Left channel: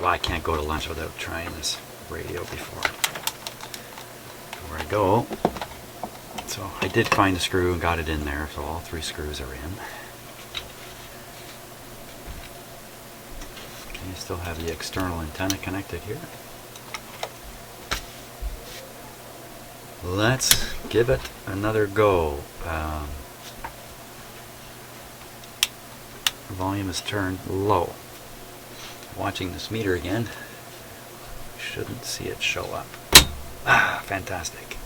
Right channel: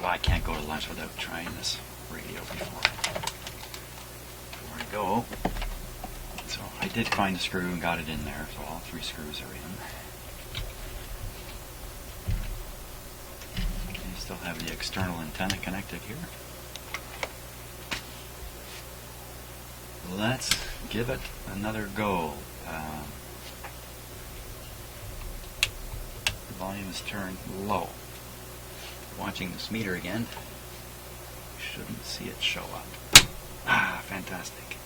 Well, I can't go to lunch without trying this radio before I go. So I did find the screw and got it in there, so all 3 screws are in. You still have the external antenna connected here. Let's give it another go. Volume is turned low. Watching this meter again, you shouldn't see it show up. Ah, fantastic.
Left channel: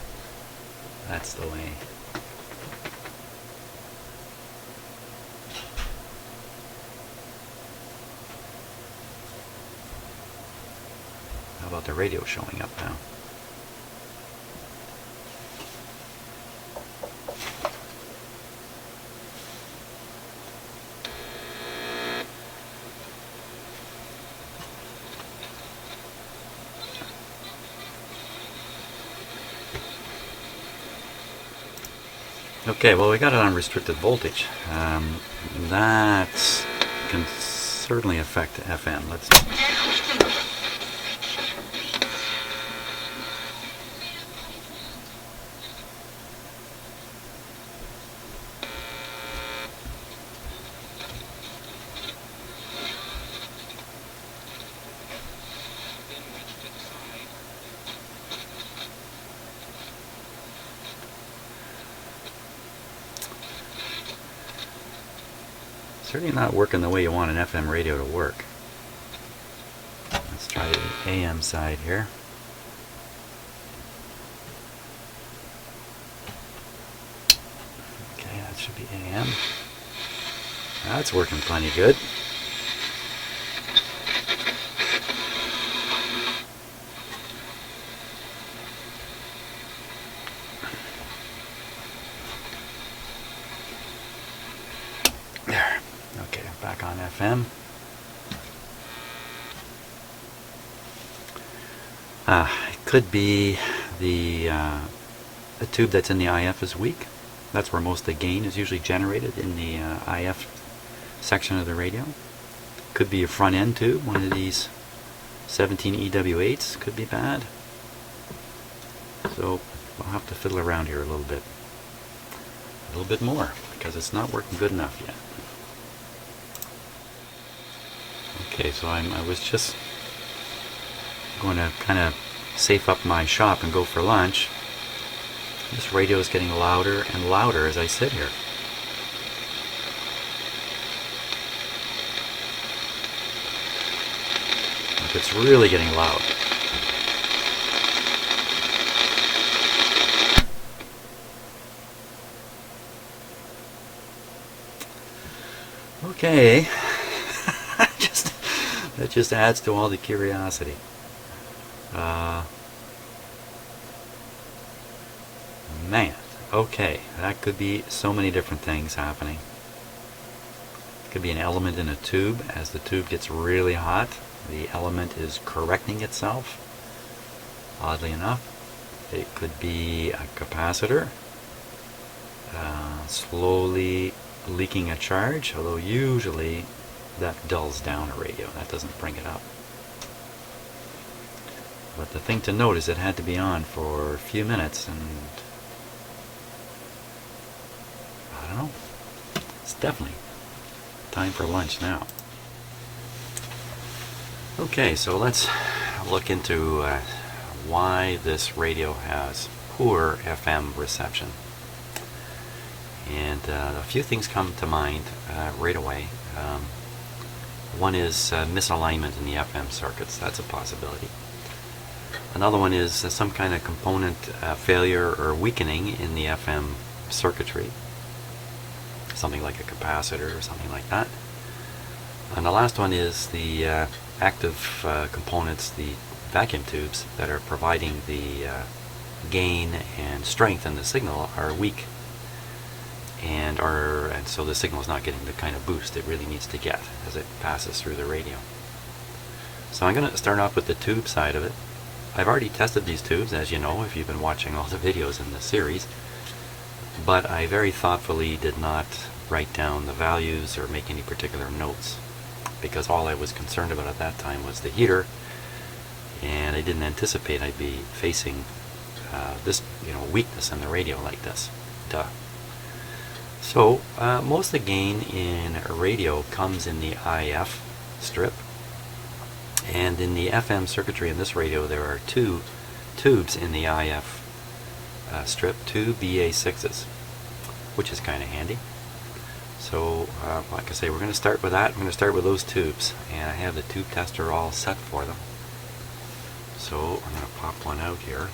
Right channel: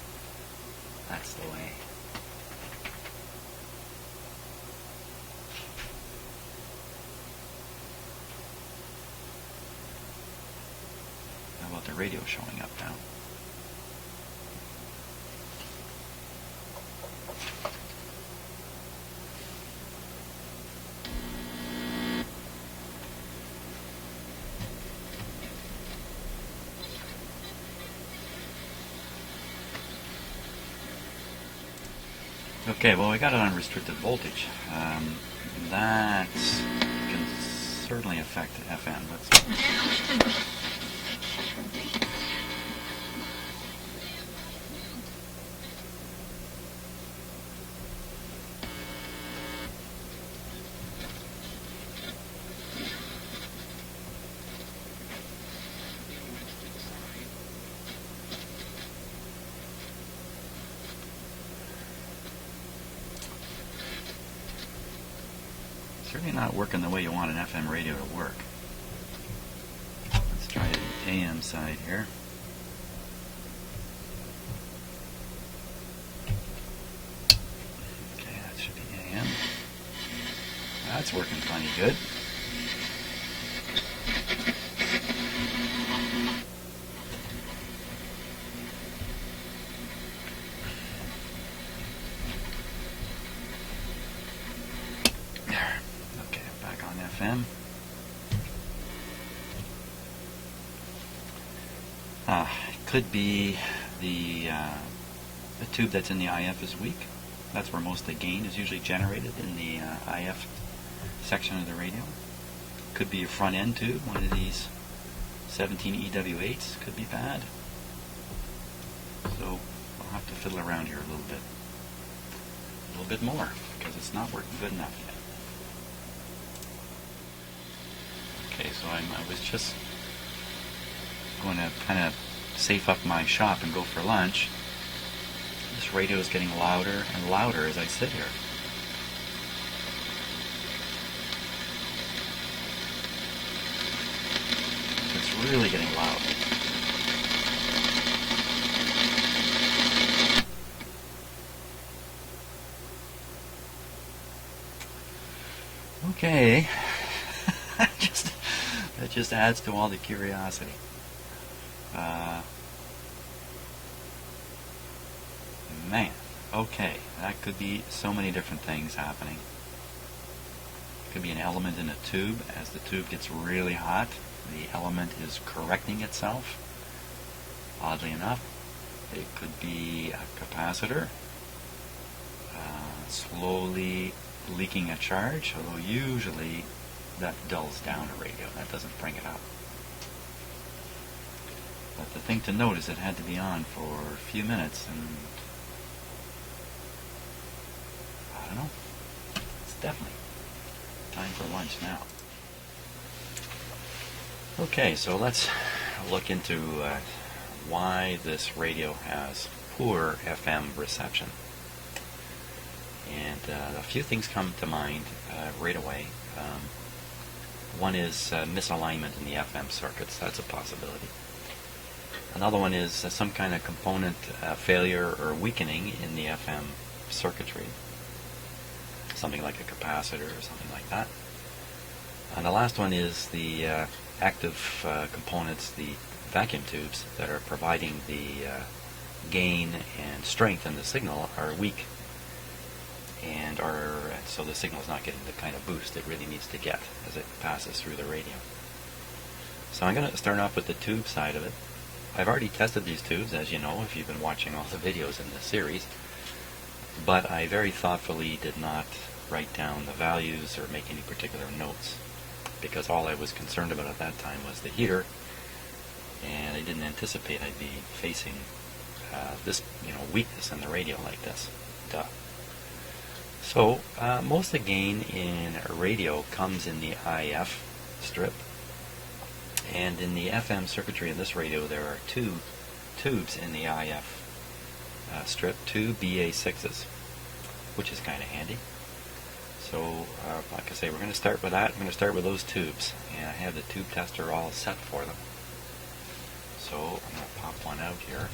That's the way. How about the radio showing up now? Okay, well, we got it on restricted voltage. That can certainly affect FM. Let's. Certainly not working the way you want an FM radio to work. Let's try the AM side here. Okay, that should be AM. Now it's working plenty good. FM. It could be the tube that's in the IF is weak. That's where most of the gain is usually generated, in the IF section of the radio. Could be a front end tube, one of these 17 EW8s could be bad. So I'll have to fiddle around here a little bit more, because it's not working good enough yet. Okay, so I was just going to kind of safe up my shop and go for lunch. This radio is getting louder and louder as I sit here. It's really getting loud. Okay. That just adds to all the curiosity. Man, okay, that could be so many different things happening. Could be an element in a tube. As the tube gets really hot, the element is correcting itself. Oddly enough, it could be a capacitor slowly leaking a charge, although usually that dulls down a radio. That doesn't bring it up. But the thing to note is it had to be on for a few minutes, and I don't know. It's definitely time for lunch now. Okay, so let's look into why this radio has poor FM reception. And a few things come to mind right away. One is misalignment in the FM circuits. That's a possibility. Another one is some kind of component failure or weakening in the FM circuitry. Something like a capacitor or something like that. And the last one is the active components, the vacuum tubes that are providing the gain and strength in the signal are weak. And so the signal is not getting the kind of boost it really needs to get as it passes through the radio. So I'm going to start off with the tube side of it. I've already tested these tubes, as you know, if you've been watching all the videos in this series, but I very thoughtfully did not write down the values or make any particular notes, because all I was concerned about at that time was the heater, and I didn't anticipate I'd be facing this weakness in the radio like this. Duh. So most of the gain in a radio comes in the IF strip, and in the FM circuitry in this radio there are two tubes in the IF strip, two BA6s, which is kind of handy. So like I say, we're going to start with that. I'm going to start with those tubes, and I have the tube tester all set for them. So I'm going to pop one out here.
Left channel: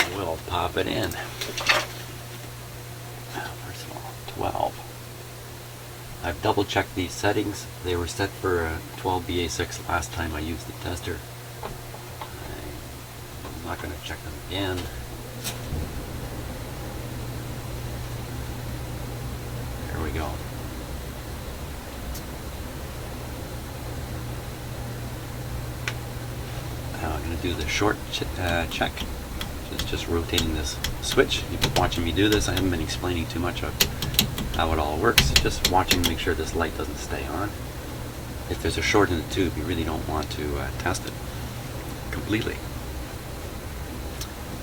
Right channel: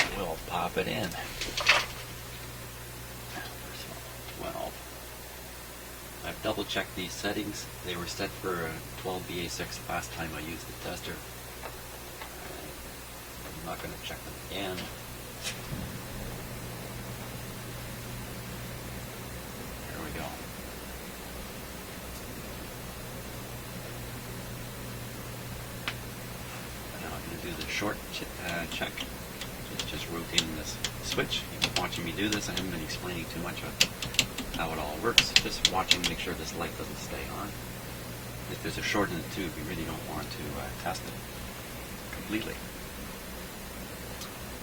And we'll pop it in. First of all, 12. I've double checked these settings. They were set for 12 BA6 last time I used the tester. I'm not going to check them again. There we go. Now I'm going to do the short check. Just rotating this switch. You've been watching me do this. I haven't been explaining too much of how it all works. Just watching to make sure this light doesn't stay on. If there's a short in the tube, you really don't want to test it completely.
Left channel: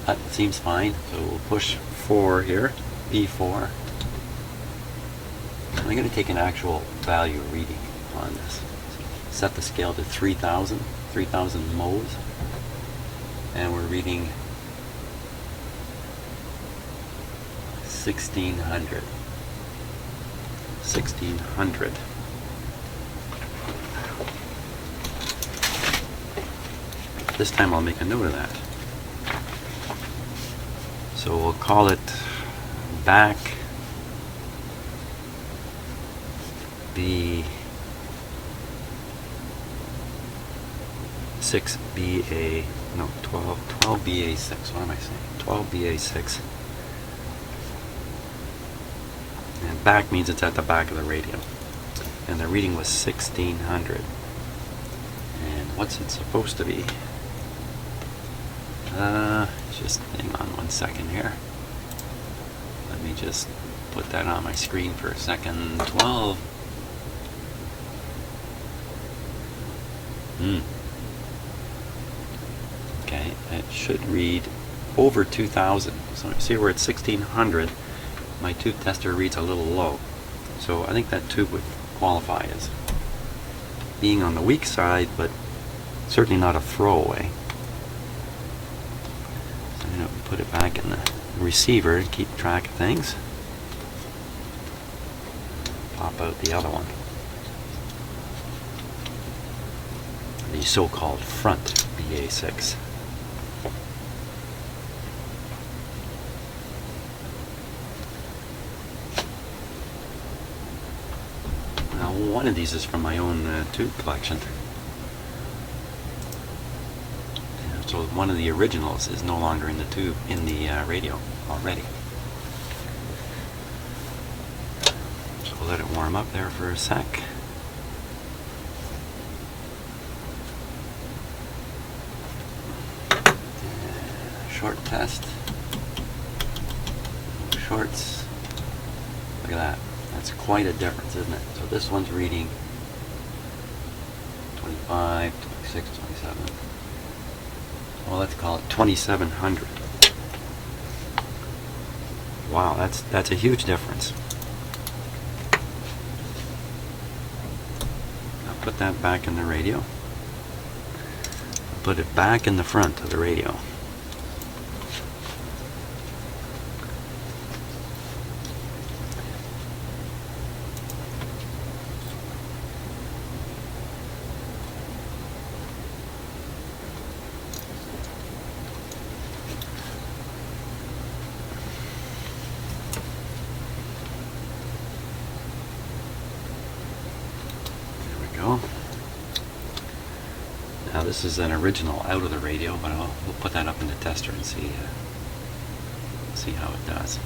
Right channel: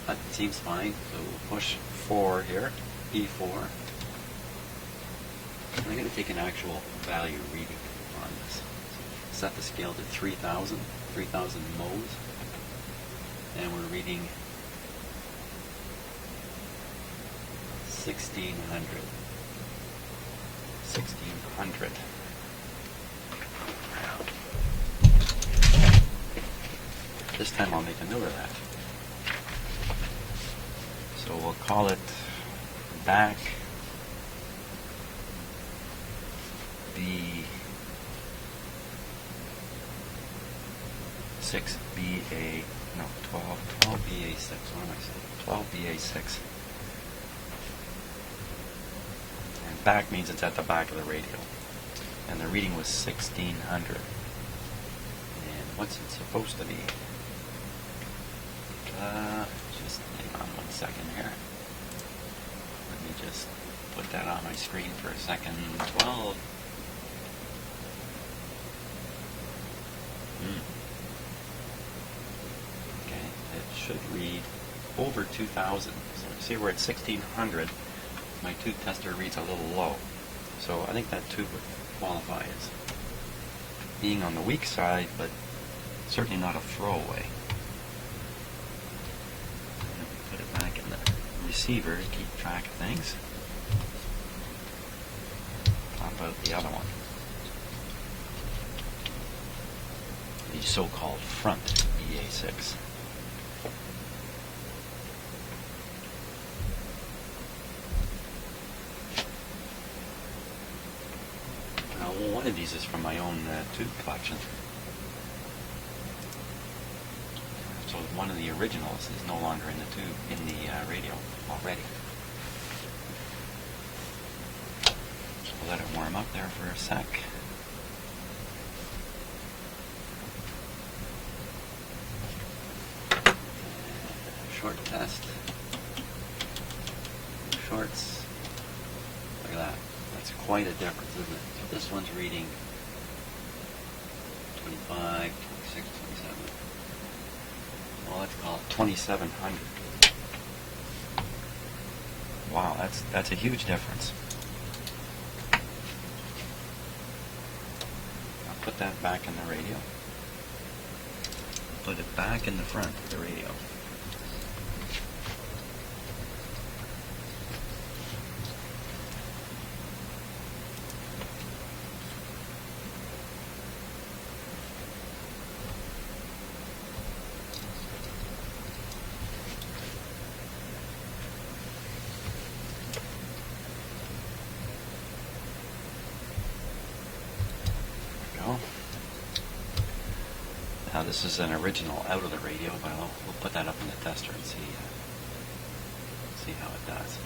That seems fine, so we'll push 4 here, P4. I'm going to take an actual value reading on this. Set the scale to 3,000 modes, and we're reading 1600. This time I'll make a note of that. So we'll call it back B6BA, no, 12BA6, what am I saying? 12BA6. And back means it's at the back of the radio. And the reading was 1600. And what's it supposed to be? Just hang on 1 second here. Let me just put that on my screen for a second. 12. Okay, it should read over 2,000. So see where it's 1600. My tube tester reads a little low. So I think that tube would qualify as being on the weak side, but certainly not a throwaway. So I'm going to put it back in the receiver to keep track of things. Pop out the other one. The so-called front BA6. Now, one of these is from my own tube collection. So one of the originals is no longer in the tube, in the radio already. So we'll let it warm up there for a sec. Short test. Shorts. Look at that. That's quite a difference, isn't it? So this one's reading 25, 26, 27. Well, let's call it 2700. Wow, that's a huge difference. I'll put that back in the radio. Put it back in the front of the radio. Now this is an original out of the radio, but we'll put that up in the tester and see how it does.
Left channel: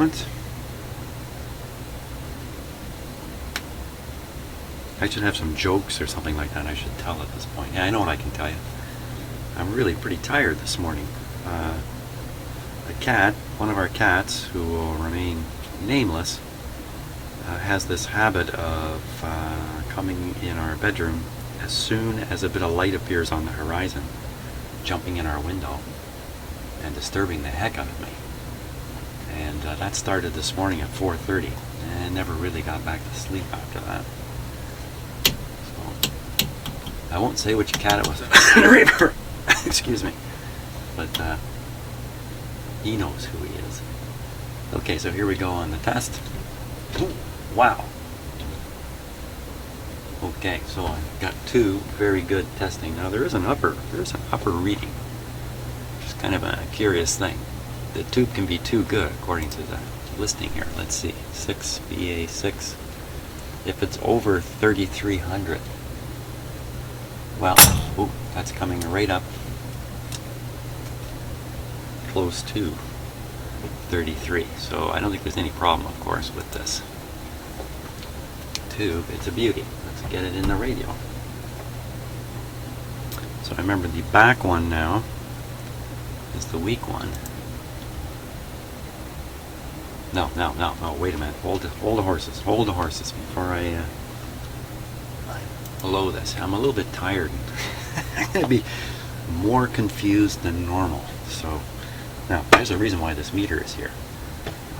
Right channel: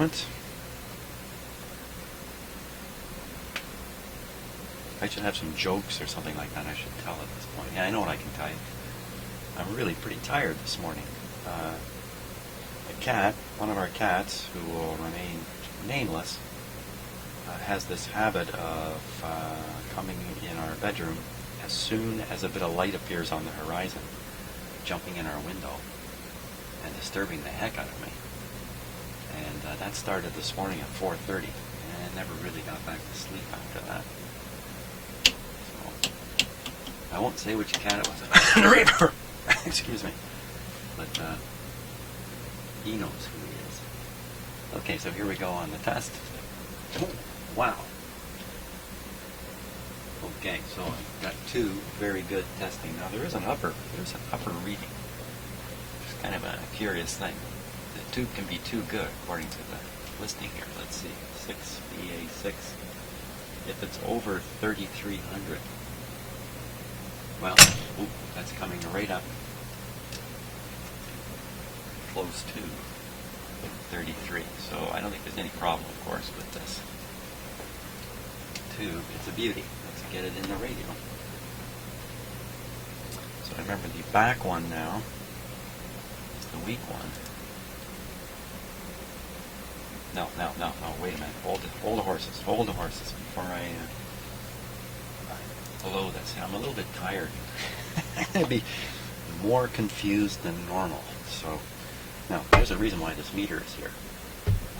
moment. I should have some jokes or something like that I should tell at this point. Yeah, I know what I can tell you. I'm really pretty tired this morning. The cat, one of our cats, who will remain nameless, has this habit of coming in our bedroom as soon as a bit of light appears on the horizon, jumping in our window and disturbing the heck out of me. And that started this morning at 4:30, and never really got back to sleep after that. So I won't say which cat it was. Excuse me. But he knows who he is. Okay, so here we go on the test. Ooh, wow. Okay, so I've got two very good testing. Now there's an upper reading. It's kind of a curious thing. The tube can be too good according to the listing here. Let's see, 6 BA6. If it's over 3,300, well, ooh, that's coming right up close to 33. So I don't think there's any problem, of course, with this tube. It's a beauty. Let's get it in the radio. So I remember the back one now is the weak one. No, wait a minute. Hold the horses before I blow this. I'm a little bit tired. I'm going to be more confused than normal. So now there's a reason why this meter is here.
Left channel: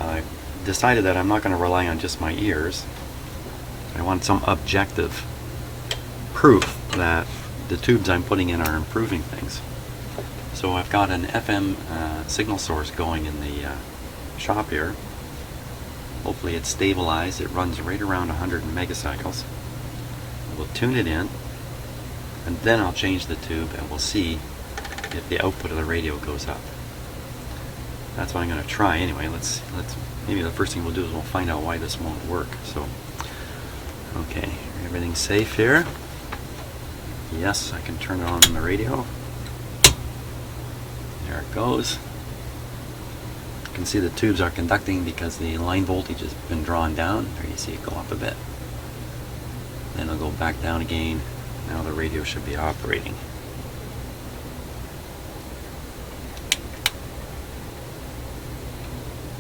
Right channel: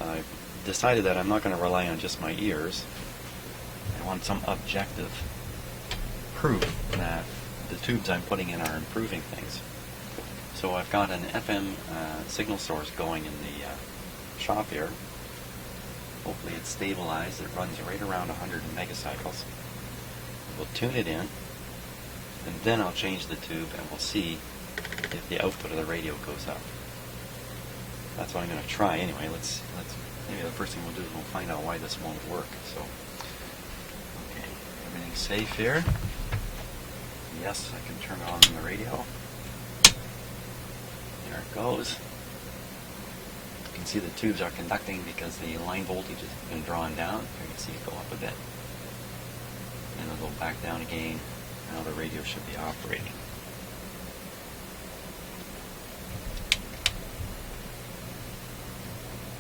I decided that I'm not going to rely on just my ears. I want some objective proof that the tubes I'm putting in are improving things. So I've got an FM signal source going in the shop here. Hopefully it's stabilized. It runs right around 100 megacycles. We'll tune it in, and then I'll change the tube, and we'll see if the output of the radio goes up. That's what I'm going to try anyway. Let's maybe the first thing we'll do is we'll find out why this won't work. So, okay, everything's safe here. Yes, I can turn on the radio. There it goes. You can see the tubes are conducting because the line voltage has been drawn down. There you see it go up a bit. Then it'll go back down again. Now the radio should be operating.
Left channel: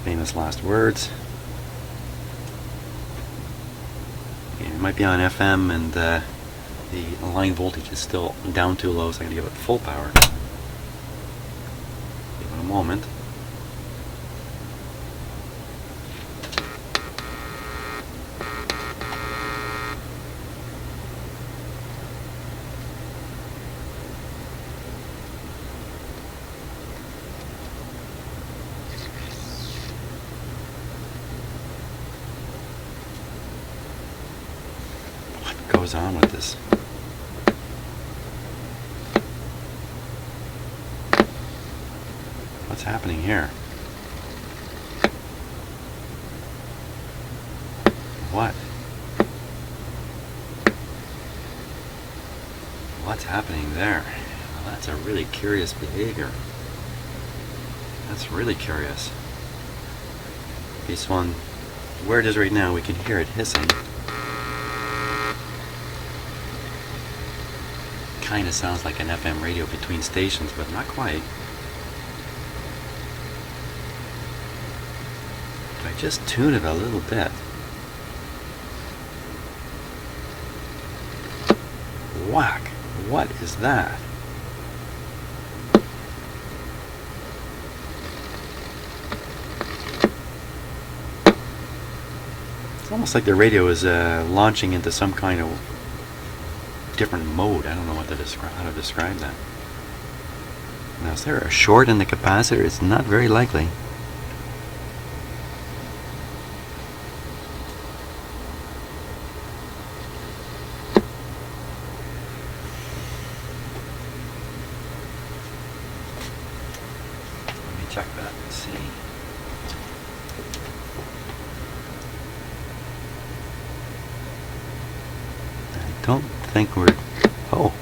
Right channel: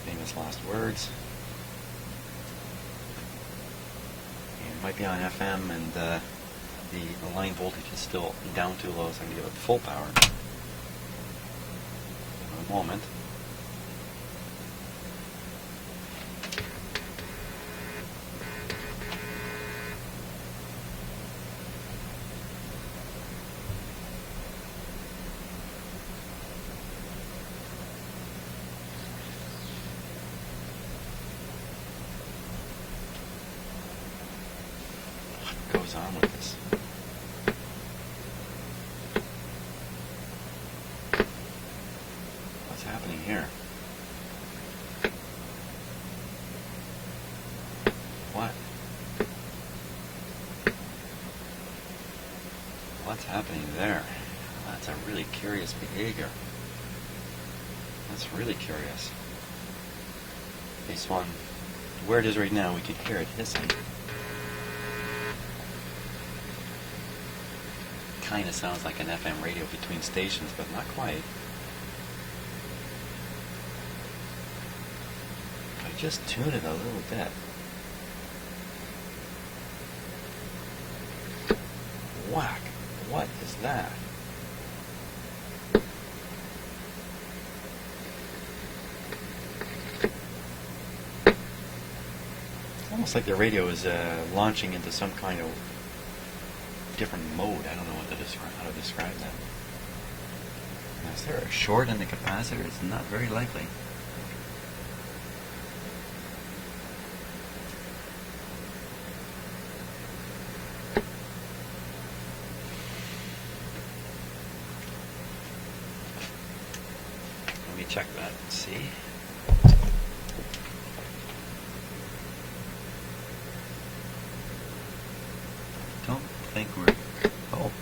Famous last words. Okay, it might be on FM and the line voltage is still down too low, so I'm going to give it full power. Give it a moment. What goes on with this? What's happening here? What? What's happening there? Well, that's a really curious behavior. That's really curious. This one, where it is right now, we can hear it hissing. Kind of sounds like an FM radio between stations, but not quite. I just tune it a little bit. Whack! What is that? It's almost like the radio is launching into some kind of different mode. I don't know how to describe that. Now, is there a short in the capacitor? It's not very likely. Let me check that and see. I don't think we're... Oh.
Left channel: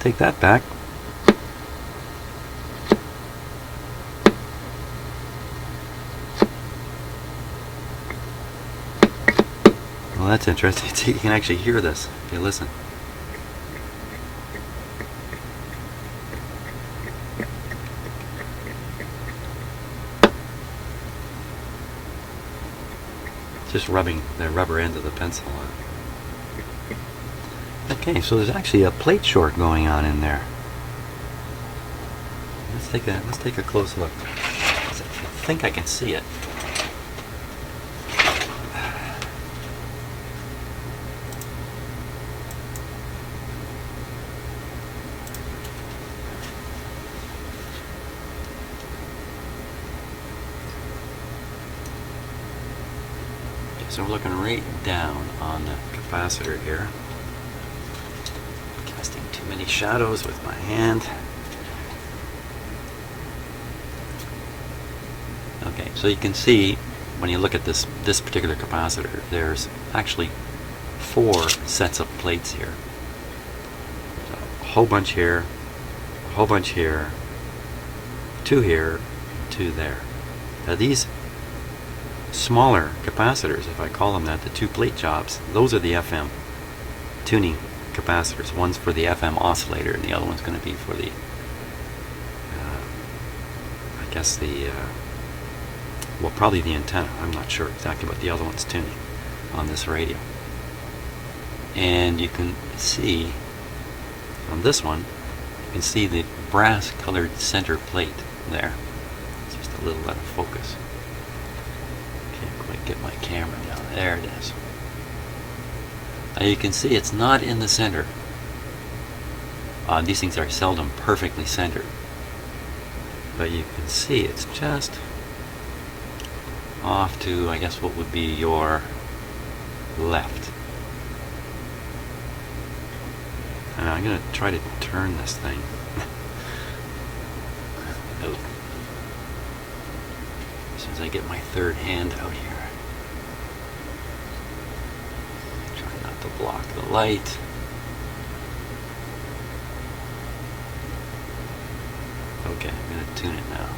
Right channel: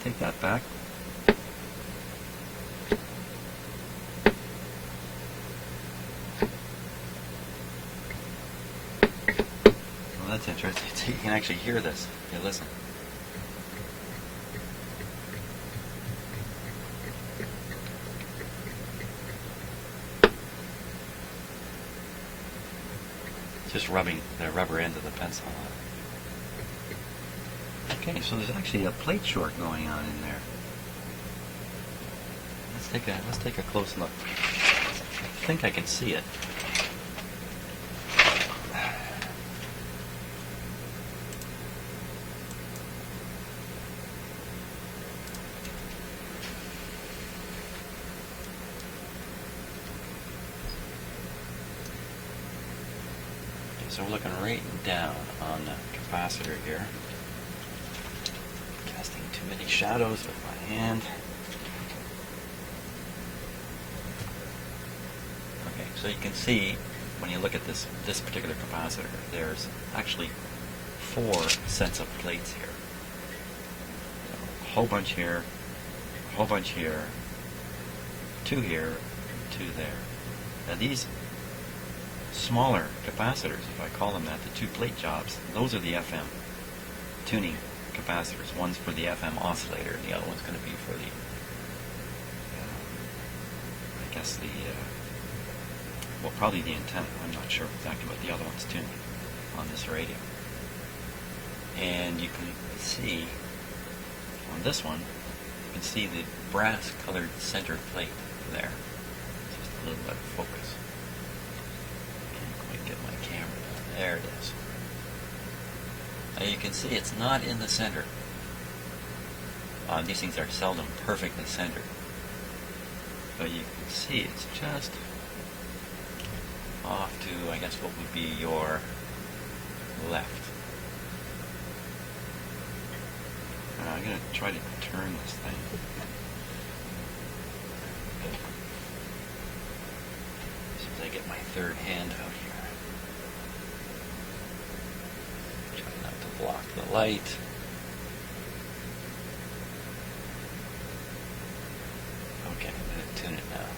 Take that back. Well, that's interesting. You can actually hear this if you listen. Just rubbing the rubber end of the pencil on. Okay, so there's actually a plate short going on in there. Let's take a close look. I think I can see it. So we're looking right down on the capacitor here. Casting too many shadows with my hand. Okay, so you can see when you look at this particular capacitor, there's actually 4 sets of plates here. So a whole bunch here, a whole bunch here, 2 here, 2 there. Now these smaller capacitors, if I call them that, the 2 plate jobs, those are the FM tuning capacitors. One's for the FM oscillator and the other one's going to be for the I guess the well, probably the antenna. I'm not sure exactly what the other one's tuning on this radio. And you can see on this one, you can see the brass colored center plate there. It's just a little out of focus. Can't quite get my camera down. There it is. Now you can see it's not in the center. These things are seldom perfectly centered. But you can see it's just off to, I guess, what would be your left. And I'm going to try to turn this thing. Oh. As soon as I get my third hand out here. Try not to block the light. Okay, I'm going to tune it now.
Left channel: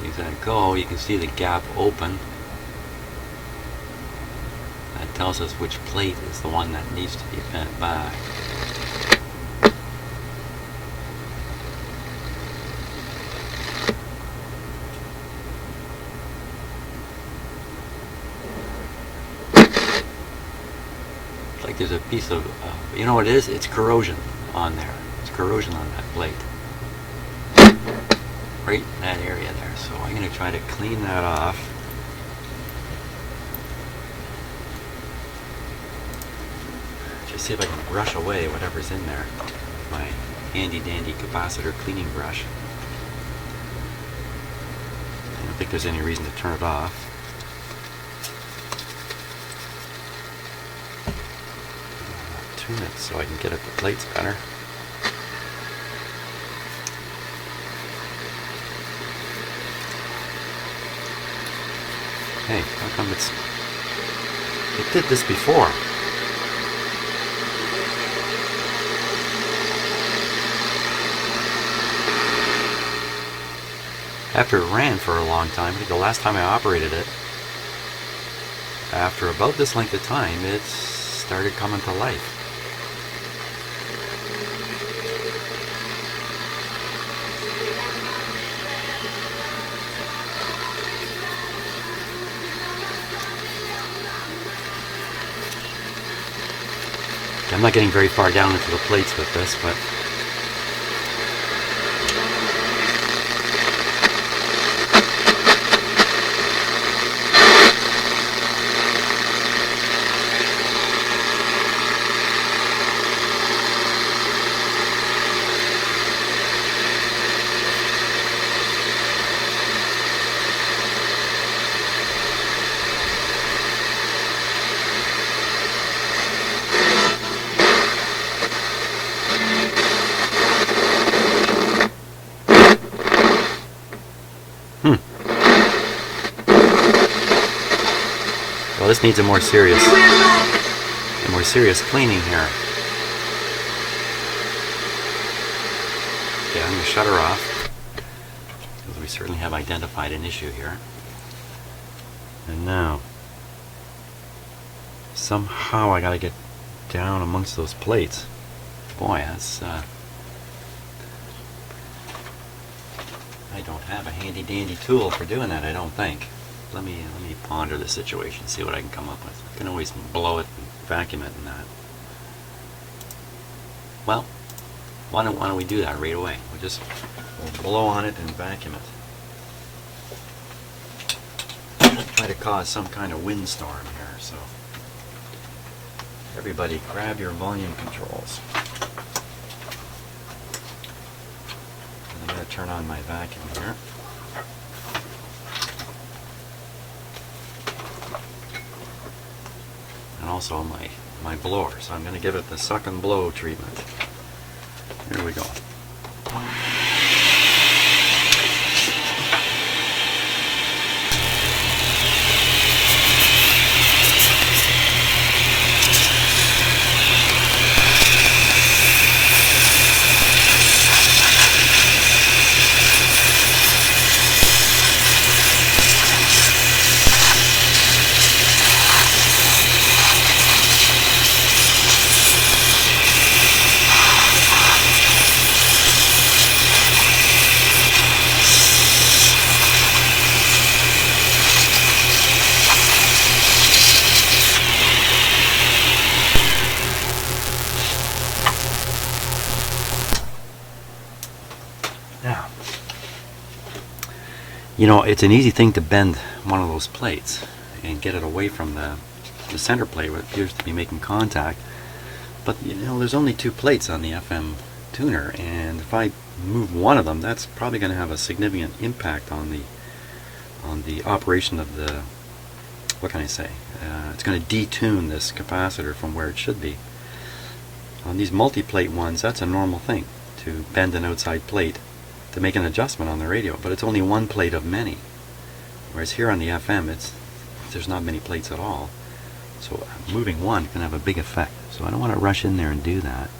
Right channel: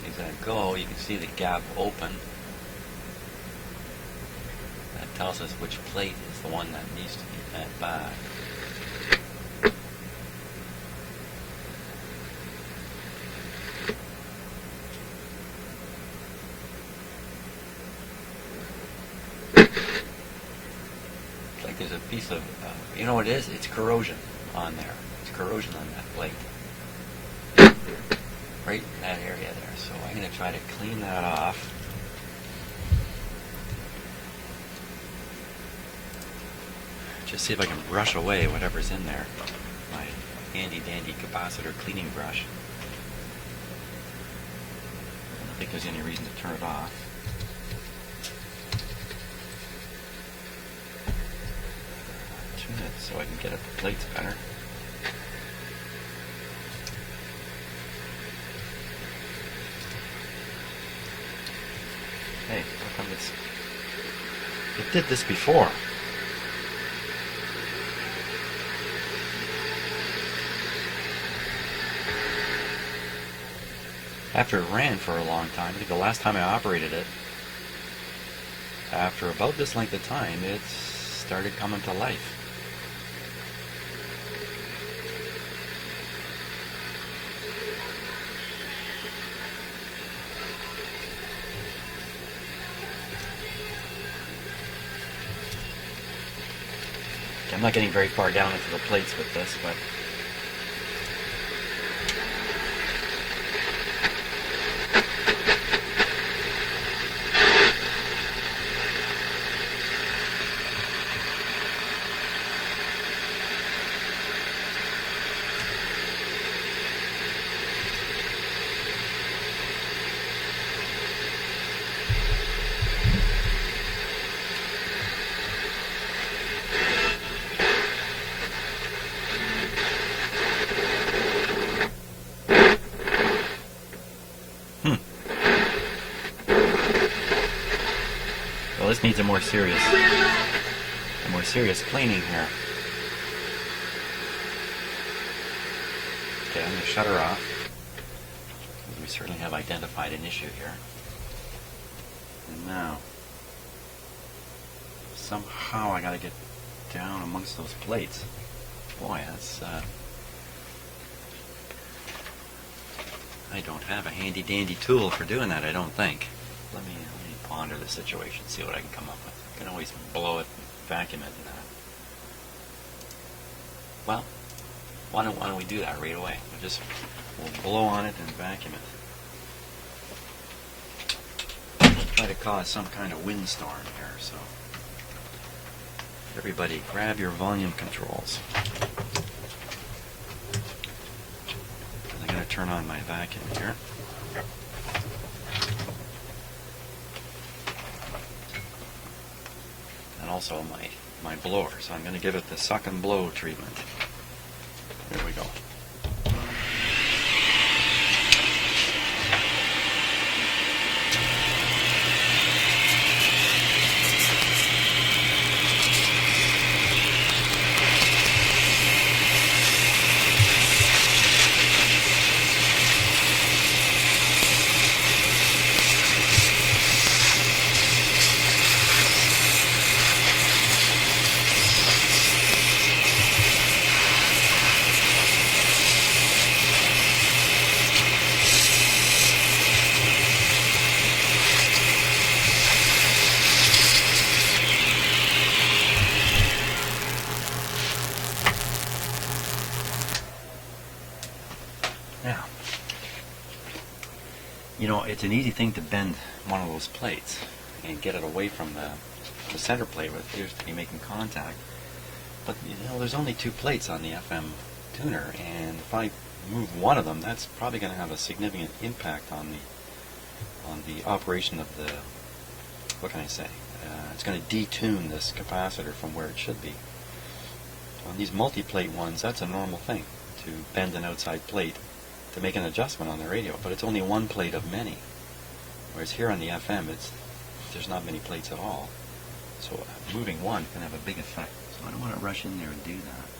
As I go, you can see the gap open. That tells us which plate is the one that needs to be bent back. It's like there's a piece of, you know what it is? It's corrosion on there. It's corrosion on that plate. Right in that area there. So I'm going to try to clean that off. Just see if I can brush away whatever's in there. My handy dandy capacitor cleaning brush. I don't think there's any reason to turn it off. Tune it so I can get at the plates better. Hey, how come it did this before? After it ran for a long time, the last time I operated it, after about this length of time, it started coming to life. I'm not getting very far down into the plates with this, but well, this needs a more serious cleaning here. Okay, I'm going to shut her off. As we certainly have identified an issue here. And now, somehow I gotta get down amongst those plates. Boy, that's I don't have a handy dandy tool for doing that, I don't think. Let me ponder the situation, see what I can come up with. I can always blow it and vacuum it and that. Well, why don't we do that right away? We'll blow on it and vacuum it. We'll try to cause some kind of windstorm here, so everybody grab your volume controls. I'm going to turn on my vacuum here. And also my blower, so I'm going to give it the suck and blow treatment. Here we go. Now, you know, it's an easy thing to bend one of those plates and get it away from the center plate where it appears to be making contact. But you know, there's only 2 plates on the FM tuner, and if I move one of them, that's probably going to have a significant impact on the operation of the, what can I say, it's going to detune this capacitor from where it should be. On these multi-plate ones, that's a normal thing, to bend an outside plate to make an adjustment on the radio, but it's only one plate of many. Whereas here on the FM, there's not many plates at all. So moving one can have a big effect. So I don't want to rush in there and do that.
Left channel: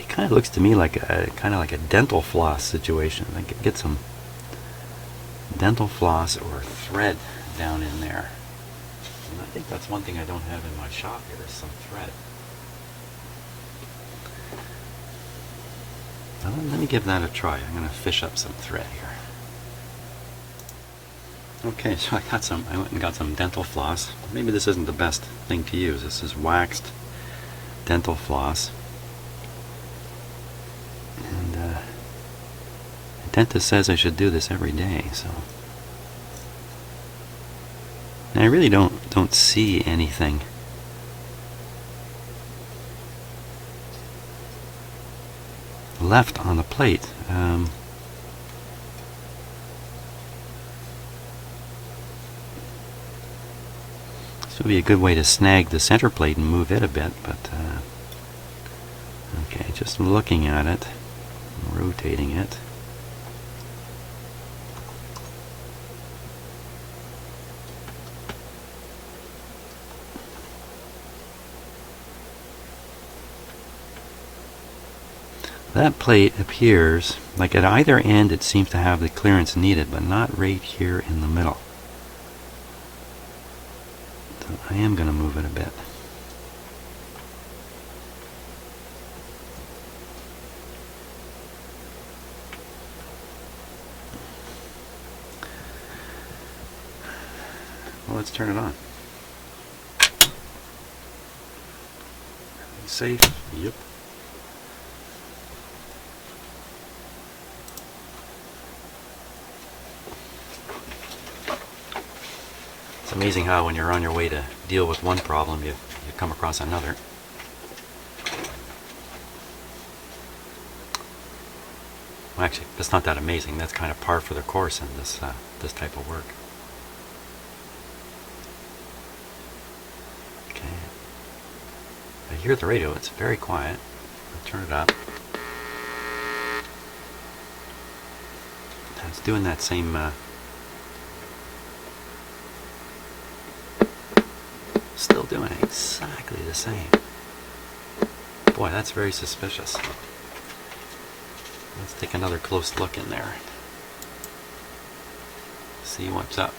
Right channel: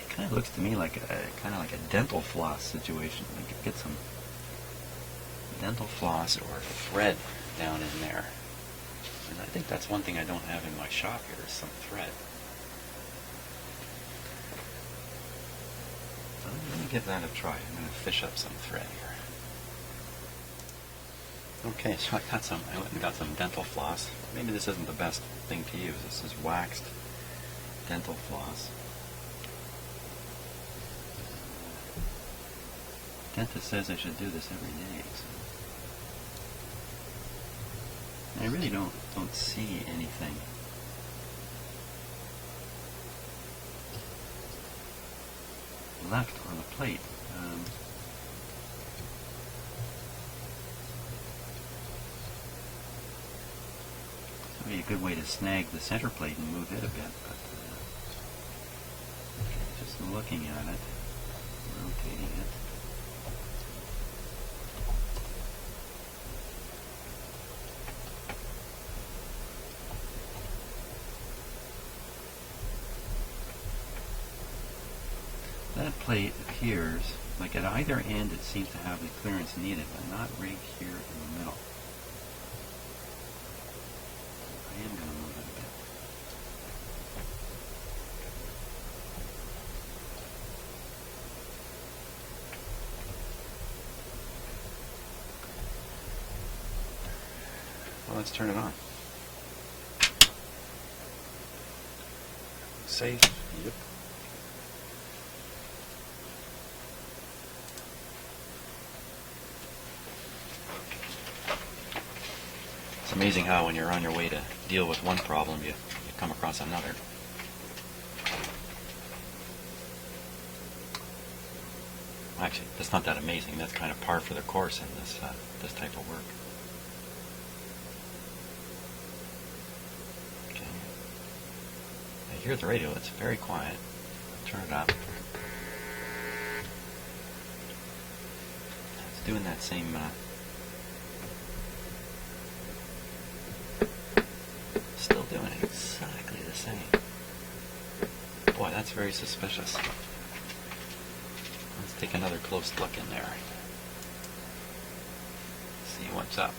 It kind of looks to me like a dental floss situation. I could get some dental floss or thread down in there. And I think that's one thing I don't have in my shop here, is some thread. Well, let me give that a try. I'm going to fish up some thread here. Okay, so I went and got some dental floss. Maybe this isn't the best thing to use. This is waxed dental floss. And the dentist says I should do this every day, so. And I really don't see anything left on the plate. This would be a good way to snag the center plate and move it a bit, but okay, just looking at it, rotating it. That plate appears like at either end it seems to have the clearance needed, but not right here in the middle. So I am going to move it a bit. Well, let's turn it on. Safe? Yep. It's amazing how when you're on your way to deal with one problem, you come across another. Well, actually, that's not that amazing. That's kind of par for the course in this this type of work. Okay. I hear the radio. It's very quiet. I'll turn it up. It's doing that same. Still doing exactly the same. Boy, that's very suspicious. Let's take another close look in there. See what's up.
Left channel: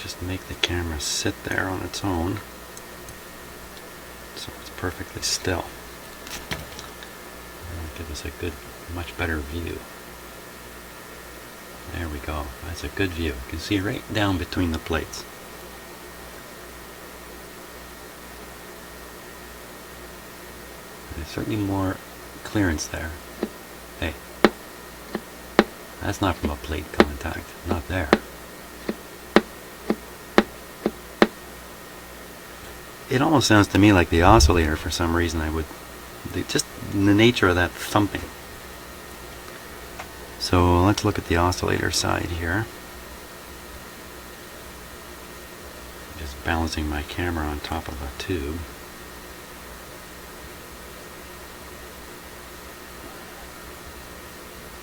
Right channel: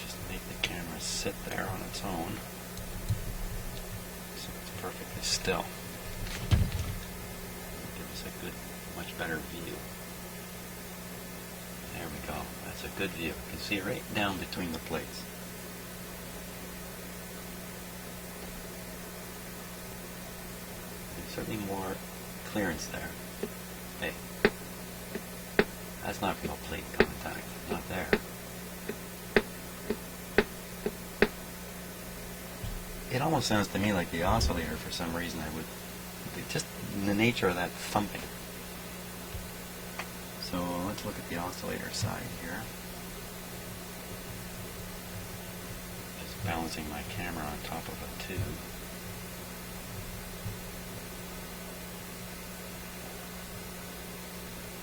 Just make the camera sit there on its own so it's perfectly still. That'll give us a good, much better view. There we go. That's a good view. You can see right down between the plates. There's certainly more clearance there. Hey, that's not from a plate contact. Not there. It almost sounds to me like the oscillator for some reason. Just the nature of that thumping. So let's look at the oscillator side here. Just balancing my camera on top of a tube.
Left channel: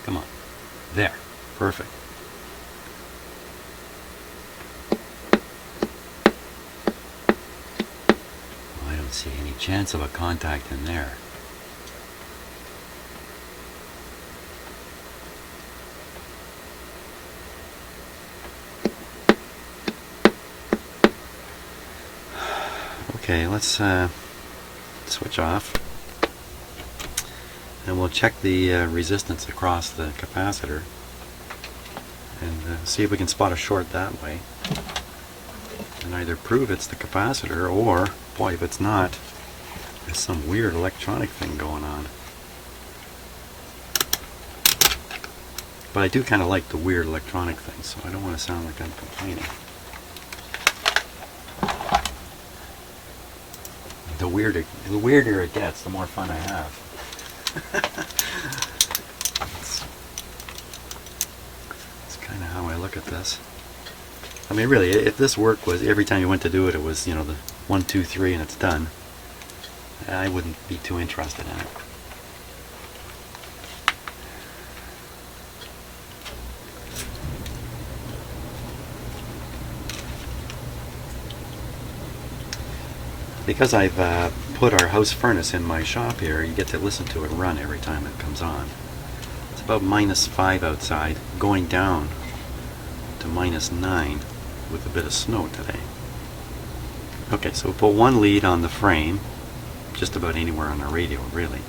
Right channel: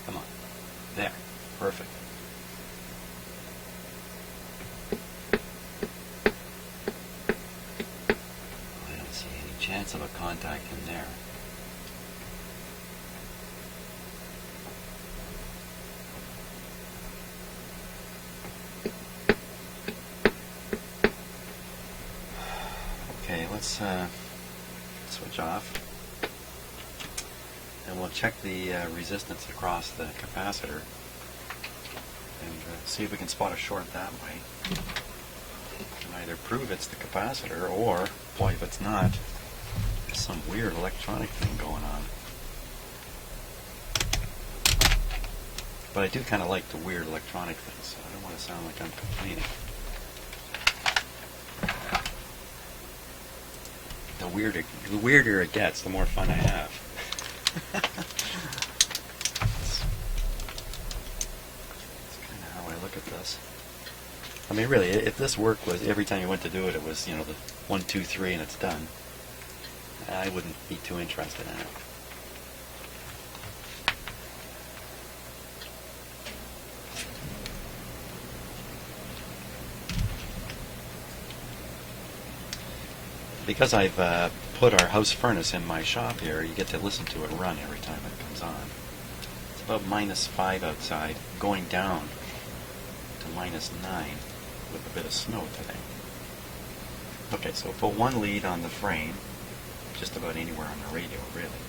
Come on. There. Perfect. I don't see any chance of a contact in there. Okay, let's switch off, and we'll check the resistance across the capacitor and see if we can spot a short that way, and either prove it's the capacitor, or, boy, if it's not, there's some weird electronic thing going on. But I do kind of like the weird electronic things, so I don't want to sound like I'm complaining. The weirder it gets, the more fun I have. That's kind of how I look at this. I mean, really, if this work was every time you went to do it, it was, you know, the 1, 2, 3 and it's done, I wouldn't be too interested in it. Because I've put our house furnace in my shop here, you get to listen to it run every time it comes on. It's about -5 outside, going down to -9 with a bit of snow today. Okay, so we'll put one lead on the frame, just about anywhere on the radio, really.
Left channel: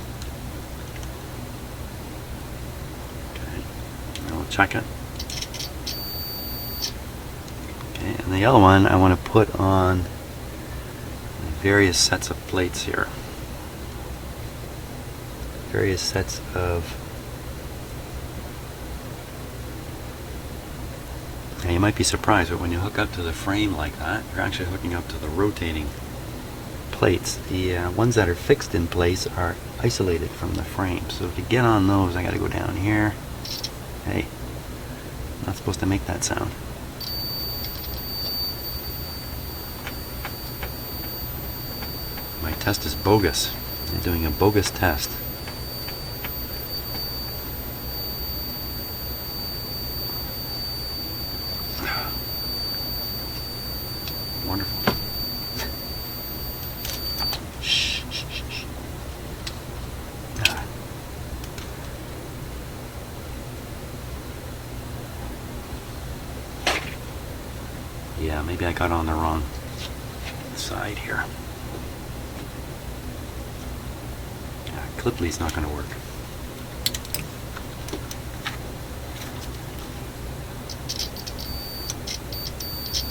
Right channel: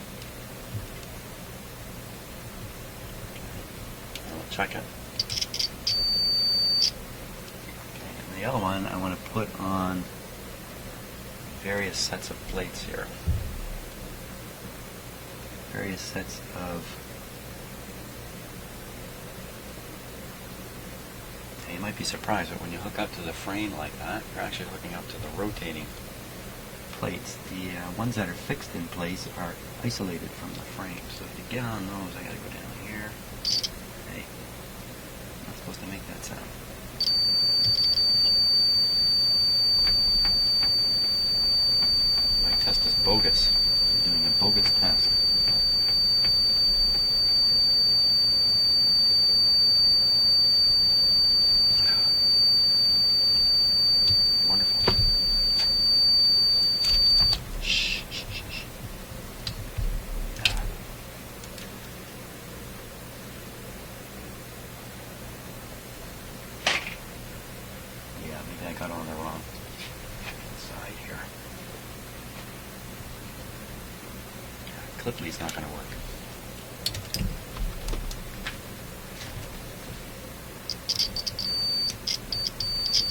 Okay, I'll check it. Okay, and the other one I want to put on various sets of plates here. Various sets of... Now you might be surprised, but when you hook up to the frame like that, you're actually hooking up to the rotating plates. The ones that are fixed in place are isolated from the frame. So to get on those, I got to go down here. Hey, I'm not supposed to make that sound. My test is bogus. I'm doing a bogus test. Wonderful. Shh, shh, shh, shh. Ah. Yeah, maybe I got on the wrong side here. Clip lead's not going to work.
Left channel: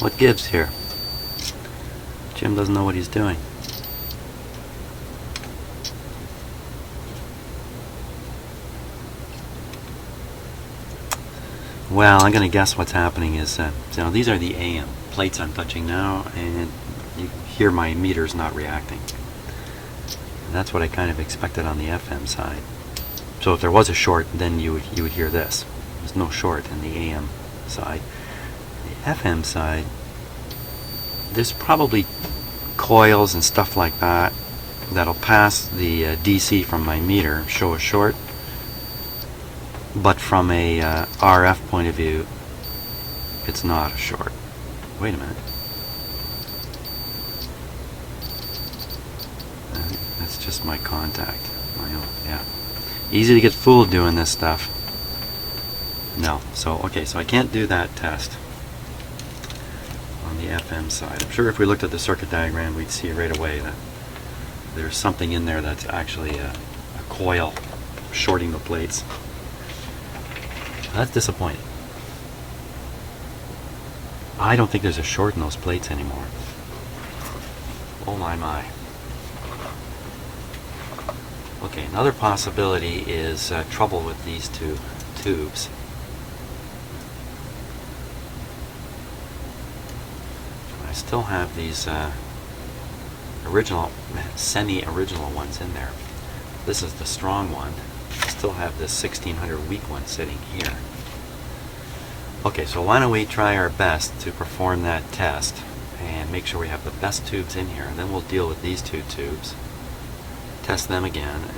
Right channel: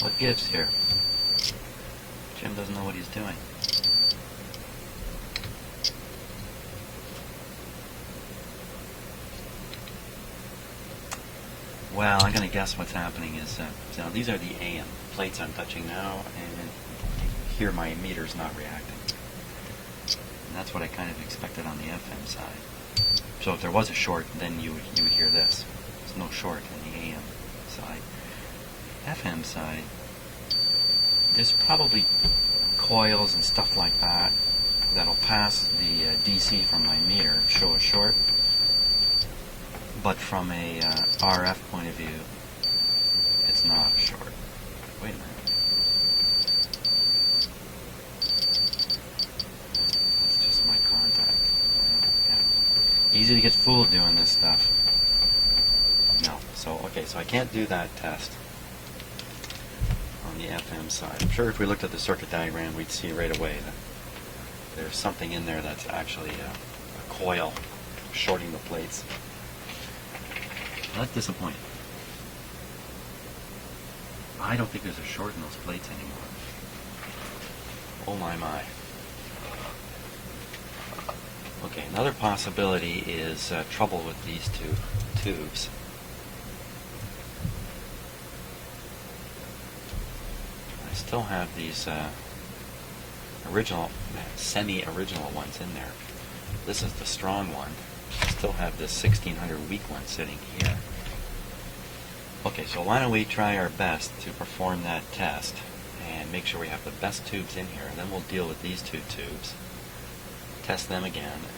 What gives here? Jim doesn't know what he's doing. Well, I'm going to guess what's happening is, so these are the AM plates I'm touching now, and you hear my meters not reacting. And that's what I kind of expected on the FM side. So if there was a short, then you would hear this. There's no short in the AM side. The FM side, there's probably coils and stuff like that that'll pass the DC from my meter, show a short. But from a RF point of view, it's not a short. Wait a minute. That's just my contact. Yeah. Easy to get fooled doing this stuff. No. So, okay, so I can't do that test on the FM side. I'm sure if we looked at the circuit diagram, we'd see right away that there's something in there that's actually a coil shorting the plates. That's disappointing. I don't think there's a short in those plates anymore. Oh my. Okay, another possibility is trouble with these two tubes. I still have these semi-original ones in there. This is the strong one. I still have this 1600 weak one sitting here. Okay, so why don't we try our best to perform that test and make sure we have the best tubes in here, and then we'll deal with these two tubes, test them again, and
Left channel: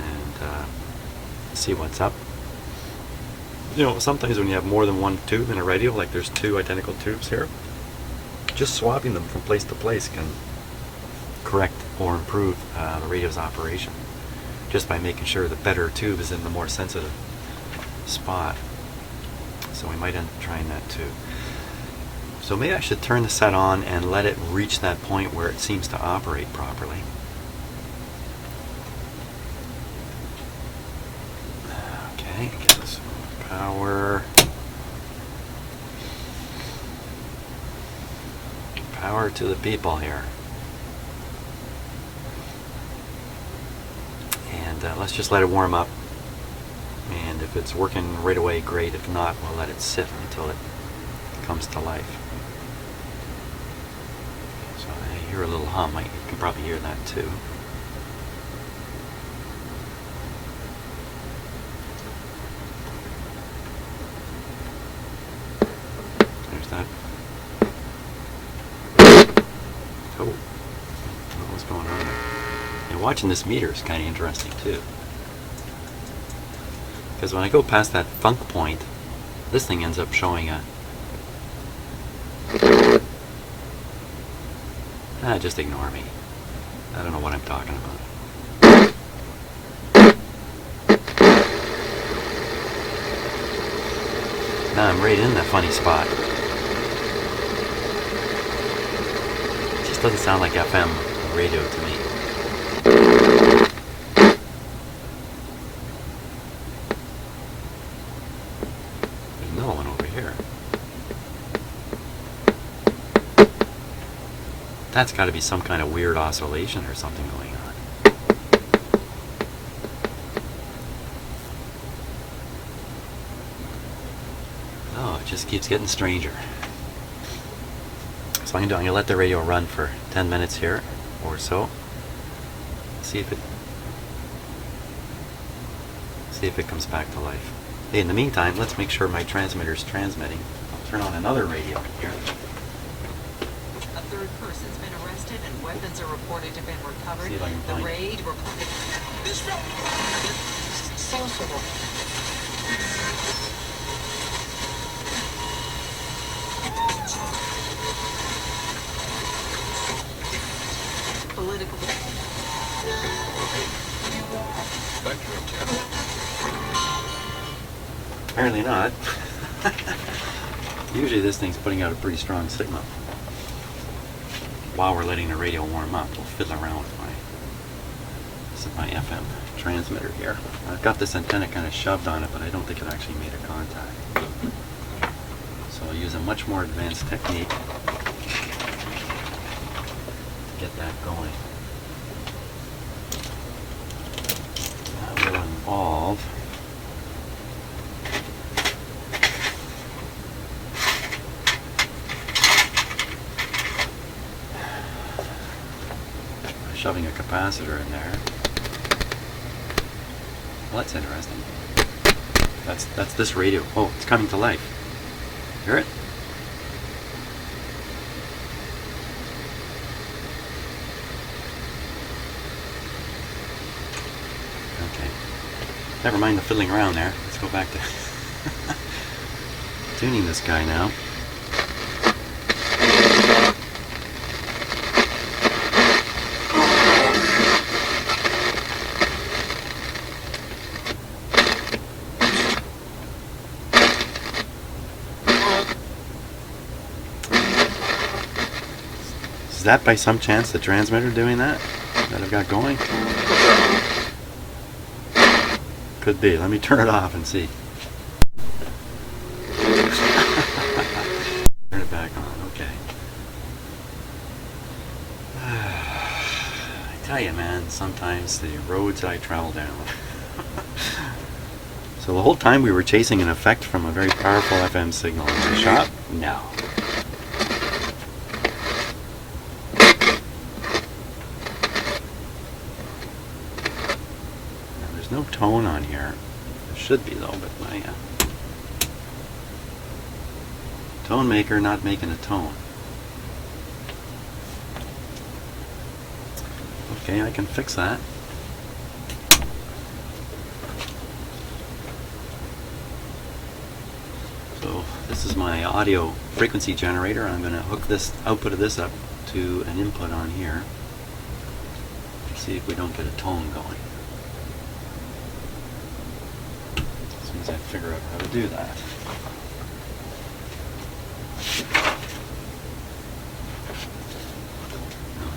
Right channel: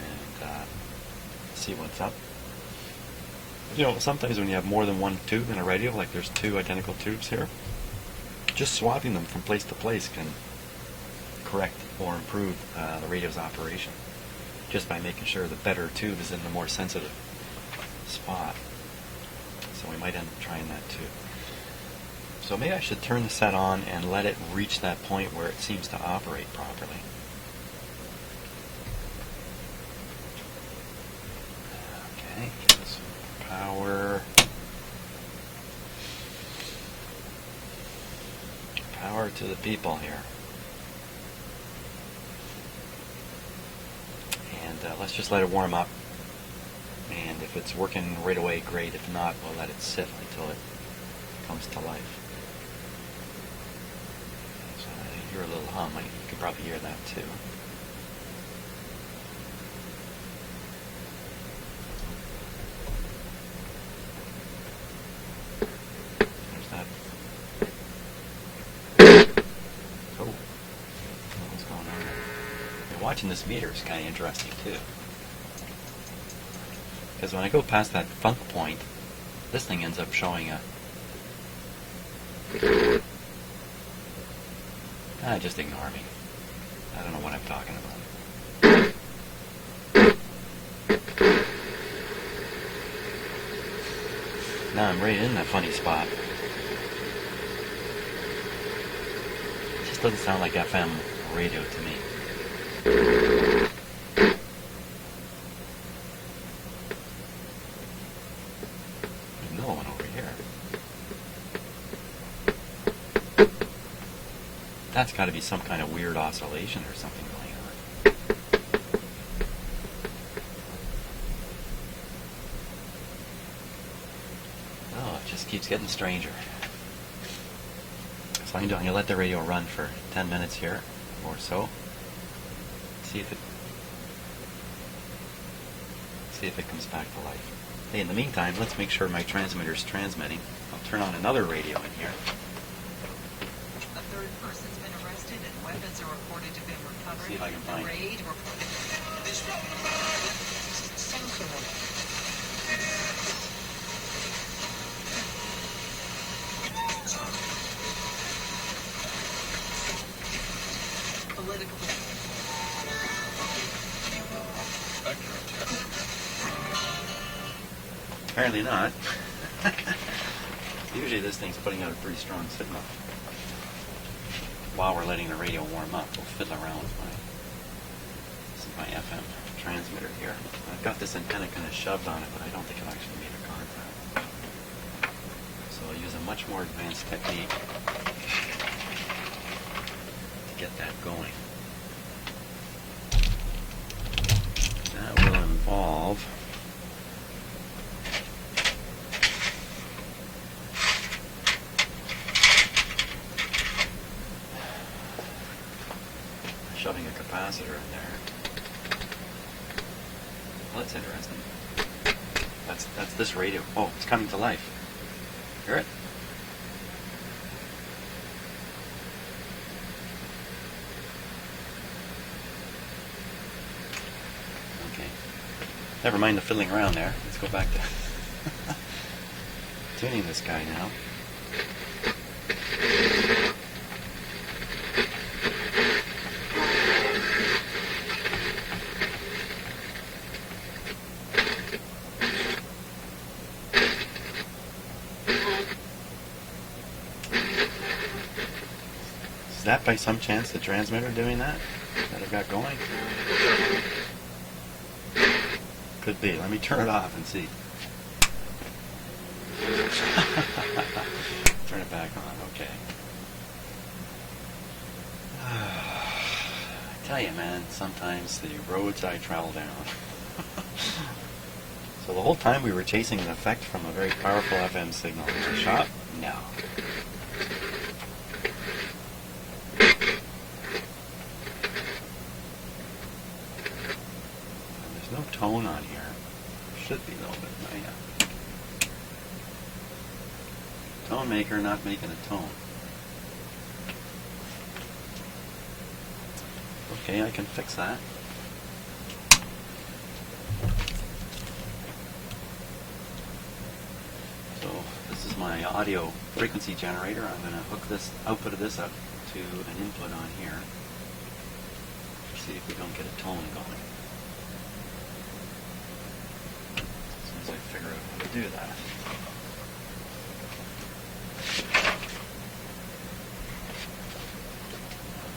see what's up. You know, sometimes when you have more than one tube in a radio, like there's two identical tubes here, just swapping them from place to place can correct or improve the radio's operation, just by making sure the better tube is in the more sensitive spot. So we might end up trying that too. So maybe I should turn the set on and let it reach that point where it seems to operate properly. Okay, give us some power. Power to the people here. And let's just let it warm up. And if it's working right away, great. If not, we'll let it sit until it comes to life. So I hear a little hum. You can probably hear that too. There's that. Oh, what's going on there? And watching this meter is kind of interesting too. Because when I go past that funk point, this thing ends up showing a... just ignore me. I don't know what I'm talking about. Now I'm right in that funny spot. It just doesn't sound like FM radio to me. That's got to be some kind of weird oscillation or something going on. Oh, it just keeps getting stranger. So I'm going to let the radio run for 10 minutes here or so. See if it comes back to life. Hey, in the meantime, let's make sure my transmitter's transmitting. I'll turn on another radio in here. A third person's been arrested and weapons are reported to have been recovered. See if I can find the raid reported. Sensible. Political. Apparently not. Usually this thing's putting out a pretty strong signal. While we're letting the radio warm up, we'll fiddle around with this is my FM transmitter here. I've got this antenna kind of shoved on it, but I don't think it actually made a contact. So I'll use a much more advanced technique to get that going. That will involve shoving a capacitor in there. Well, that's interesting. That's this radio. Oh, it's coming to life. Hear it? Okay. Never mind the fiddling around there. Let's go back to tuning this guy now. Is that by some chance the transmitter doing that I've got going? Could be. Let me turn it off and see. Turn it back on. Okay. I tell you, man, sometimes the roads I travel down. So the whole time we were chasing an effect from a very powerful FM signal in the shop? No. Now, there's no tone on here. There should be though, but my tone maker not making a tone. Okay, I can fix that. So this is my audio frequency generator. I'm going to hook this output of this up to an input on here. See if we don't get a tone going. As soon as I figure out how to do that.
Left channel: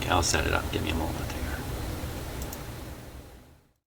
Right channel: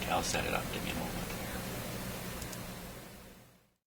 Okay, I'll set it up. Give me a moment.